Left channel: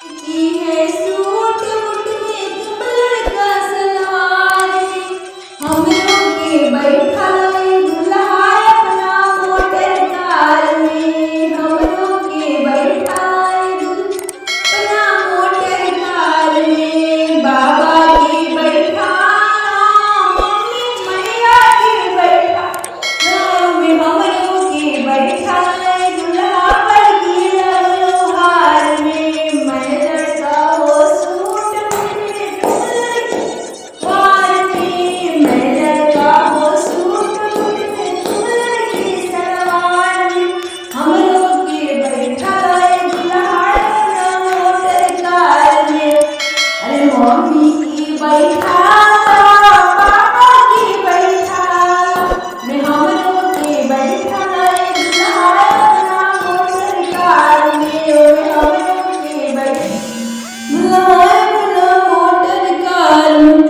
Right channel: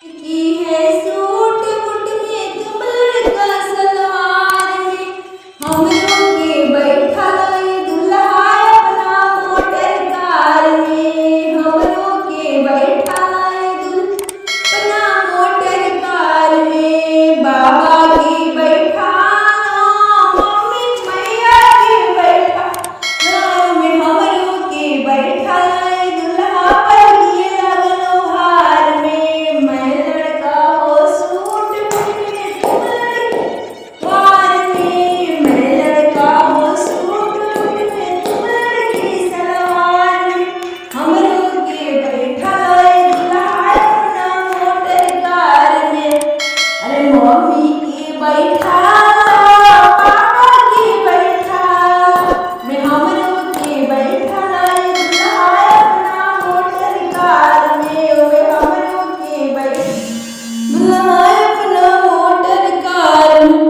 की है suit boot में तुम लड़का सलवार में हमरों के बैठा लाई दुल्हा अपना मोटर कार में हमरों के बैठा लाई अपना मोटर कार में बाबा के बैठा मम्मी मैया के बैठा में हमरों के बैठा लाई दुल्हा पर की लगलो हार में मैं लड़का हो सूट में तुम लड़की वार में मैं लड़का हो सूट में तुम लड़की सलवार में हमरों के बैठा लाई दुल्हा अपना मोटर कार में अरे मम्मी की बैठा पापा की बैठा मैं हमरों के बैठा लाई दुल्हा अपना मोटर कार में ओए हमरों के बैठा दुल्हा अपना मोटर कार में।